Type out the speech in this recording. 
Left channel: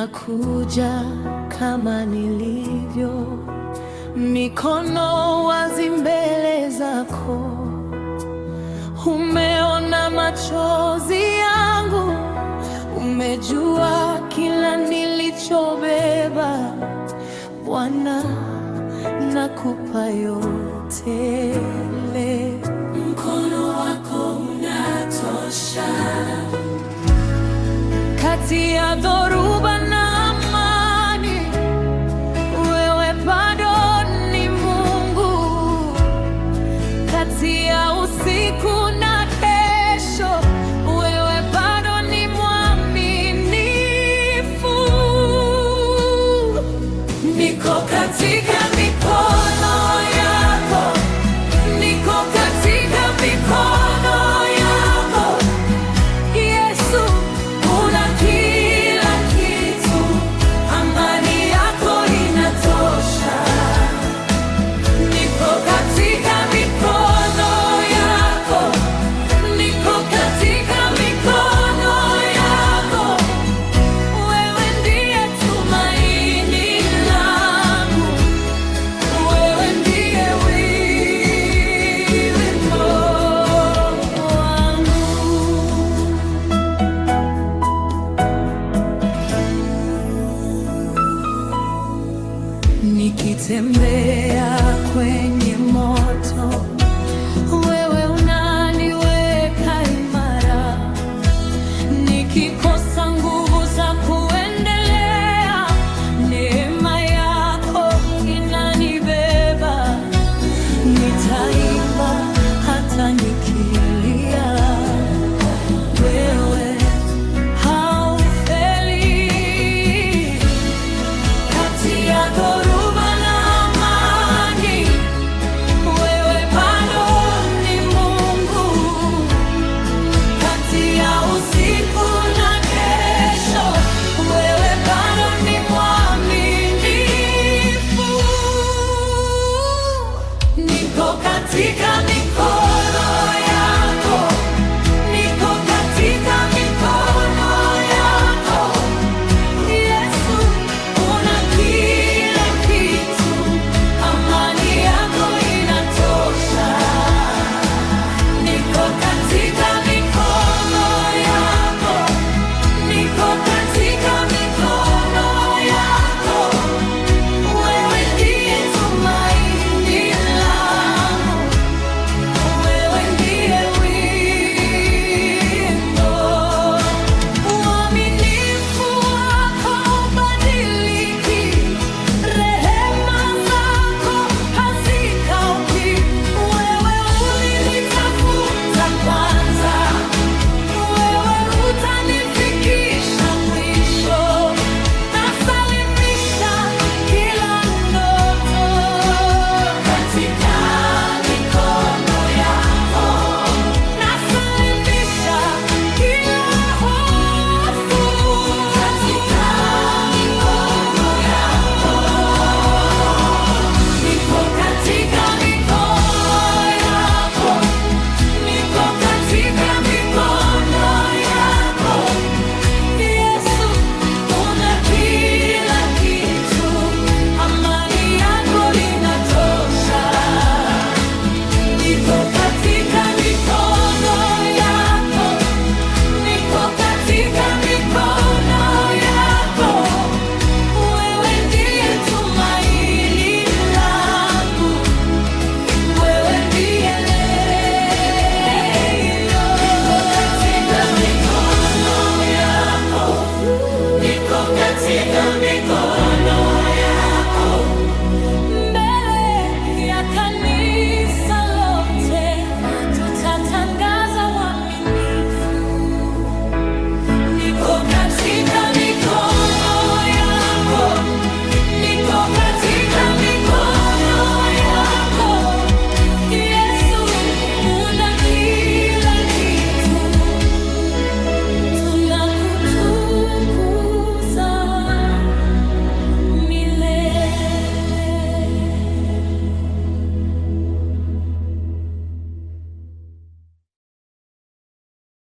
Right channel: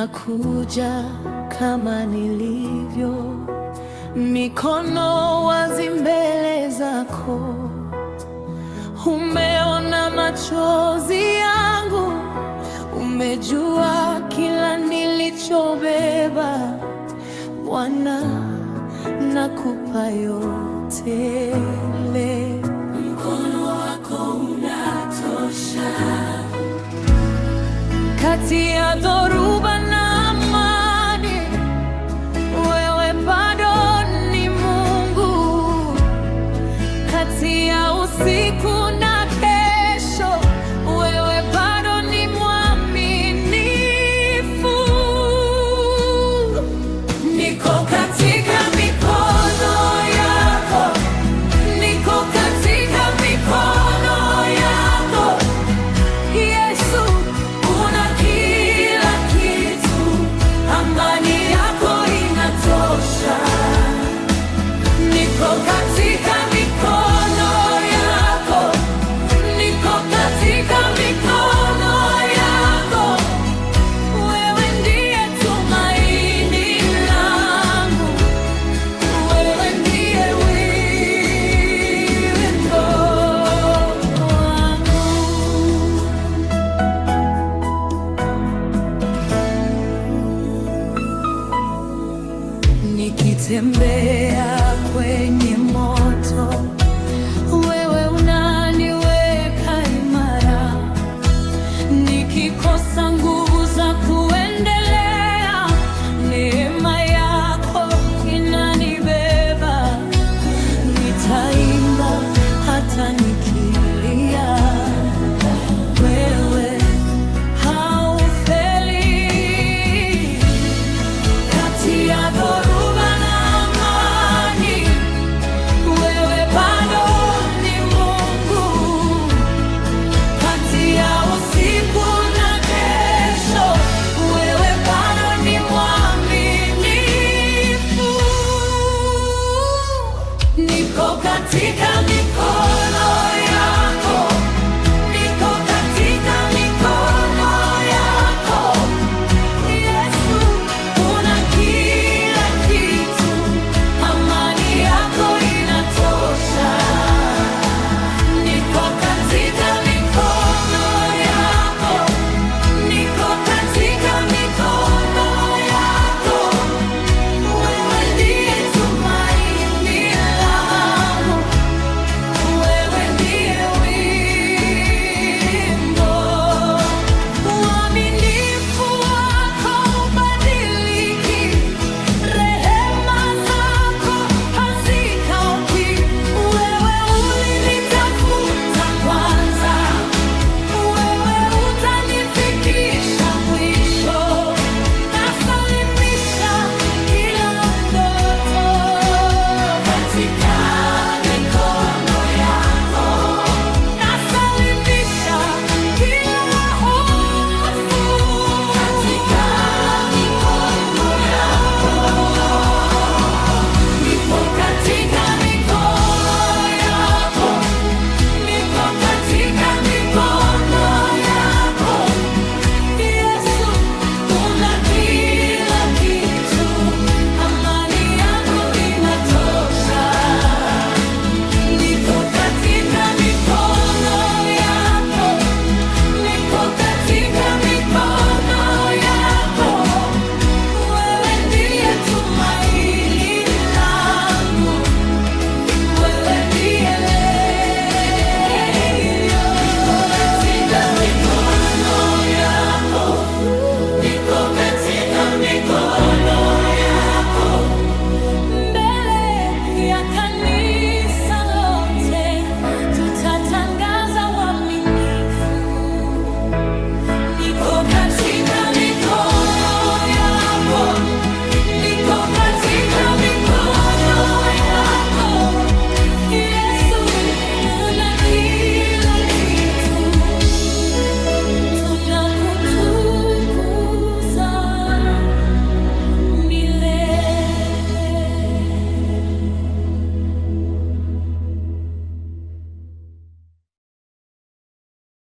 nakuja kama nilivyo, mikono wazi mbele zako. Umeona machozi yangu, umejua kila nilichobeba. Bwana, nakupa yote leo. Mkono wako unatosha. Kati ya dhoruba na amani, wewe bado ni Mungu. Kati ya usiku na kesho, wewe bado ni mwaminifu. Niko katika mikono yako, niko katika mikono yako. Yesu, una kila kitu, amani yako inatosha. Niko katika mikono yako, niko katika mikono yako. Wewe ndiye tumaini langu, wewe ndiye wimbo wangu. Nikitembea kwenye moto, wewe unaniweka imara. Nikikosa nguvu za kuendelea, neema yako inanibeba. Nitaimba hata nikilia, wewe haufeli. Kati ya dhoruba na amani, wewe bado ni Mungu. Kati ya usiku na kesho, wewe bado ni mwaminifu. Niko katika mikono yako, niko katika mikono yako. Yesu, una kila kitu, amani yako inatosha. Niko katika mikono yako, niko katika mikono yako. Wewe ndiye tumaini langu, wewe ndiye wimbo. Uaminifu wako hubadiliki, rehema zako hazikauki. Wewe ulinitafuta kwanza, wewe utanifikisha mwisho. Nasalimisha kila ndoto katika mikono yako, nasalimisha kila hofu katika mikono yako. Niko katika mikono yako, niko katika mikono yako. Yesu, una kila kitu, amani yako inatosha. Niko katika mikono yako, niko katika mikono yako. Wewe ndiye tumaini langu, wewe ndiye leo. Katika mikono yako, niko katika mikono yako. Mbele ya kanisa lote tutatangaza uaminifu. Niko katika mikono yako, niko katika mikono yako. Yesu, una kila kitu, tunakutu